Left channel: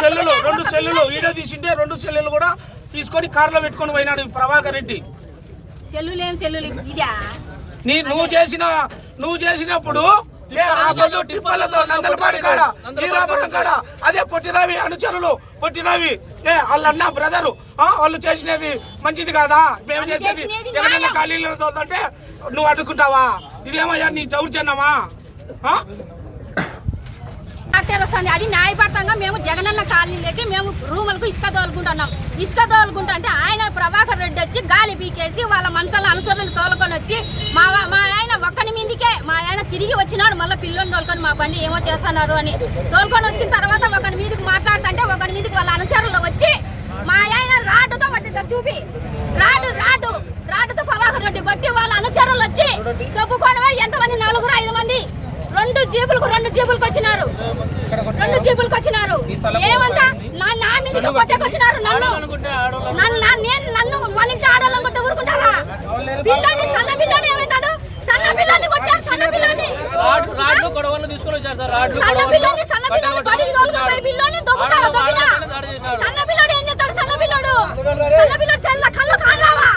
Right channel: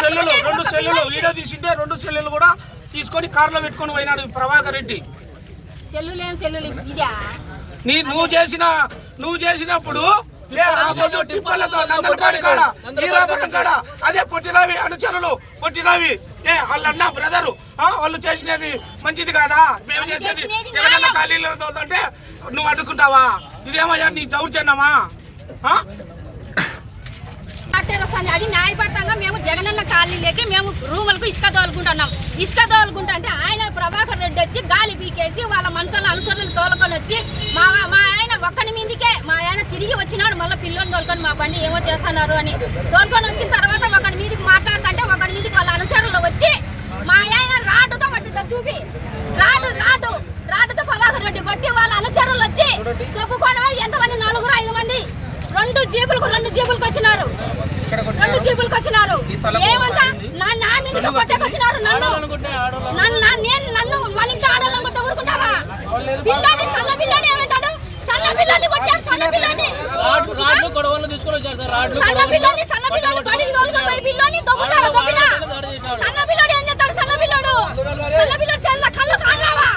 సెల్లులు video తీసింటే 2 సెల్లులు కూడా తీసుకొని కారులో పెట్టుకొని పోయినాడు ప్రభాకర్ రెడ్డి. నువ్వు చేసినప్పుడు టిప్పలతో నందనపాడి కాడ ఈరాపురం కాడ అదే పొట్టిరావి అనుచరులు పొట్టిరావి వాళ్ళన్న బ్రదరు వాళ్ళు చేసినది మంచిది కాదా? మేము చేసేది జగనన్న ఖాళీలతో అంటే నువ్వు అడ్డుకుంటావా? ఇదేమయ్యా నీ దౌర్జన్యమా? అది న్యాయపరంగా మేము జగనన్న కాలనీలోకి మేము రూములకు ఇసుక తోలుకుంటున్నాం. ఇసుక తోలుకుంటా అంటే ఆయన ప్రభాకర్ రెడ్డి వచ్చి గాలి పీకేసి వాళ్ళ మనసులో అనుసరులు తోలుకొని వచ్చి మా ఆయన ఒక్కని మీదికే మా ఆయన తిరిగి వచ్చినాడు. మళ్ళీ పిల్లల్ని తోలుకొని మా బండి ఏమో చేస్తున్నారు అని తోలుకొని వచ్చిన తర్వాత ఒకరి మీదకి మాట్లాడుతుంటే ఒకరి మీదకి వాళ్ళ అనుచరులు వచ్చి మా ఆయన రాడుతో పట్టితో చూపి రాడుతో ప్రభాకర్ రెడ్డి కొట్టి వాళ్ళ అనుచరులు వచ్చి తప్పుకొని ఎంతమంది 4-5 మంది 2 జీపులకు వచ్చినారు. 2 జీపులకు వచ్చినారు. ఏమంతా నా మీదకి కొట్టేకొచ్చినారు. నన్ను వాళ్ళ ఇంటి ఆడవాళ్ళని కొట్ట ఊరుకుంటారా? పిల్లని సన్న పిల్లని ఏమవుతాడు? సన్న పిల్లని కొట్టారు. సన్న పిల్లని బడికి తోలుకొని పోయి పిల్లని దొబ్బుతారు. దొబ్బినా సన్న పిల్లోడు ఏం చేస్తాడు? సన్న పిల్లోడు తెల్ల కళ్ళు కానరావా?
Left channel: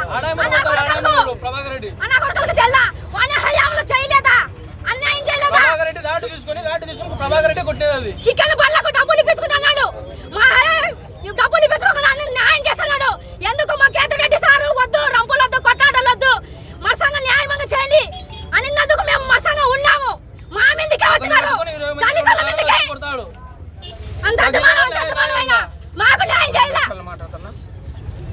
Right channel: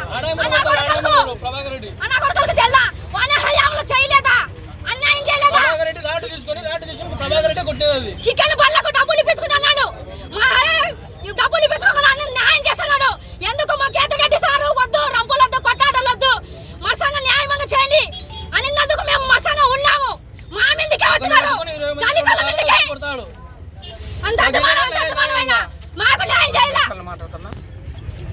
అన్నా కొడుకులకు తెల్ల వానే హయాంలో చేయలేదా? అన్యాయం చేయలేదా? చికెన్ బల్ల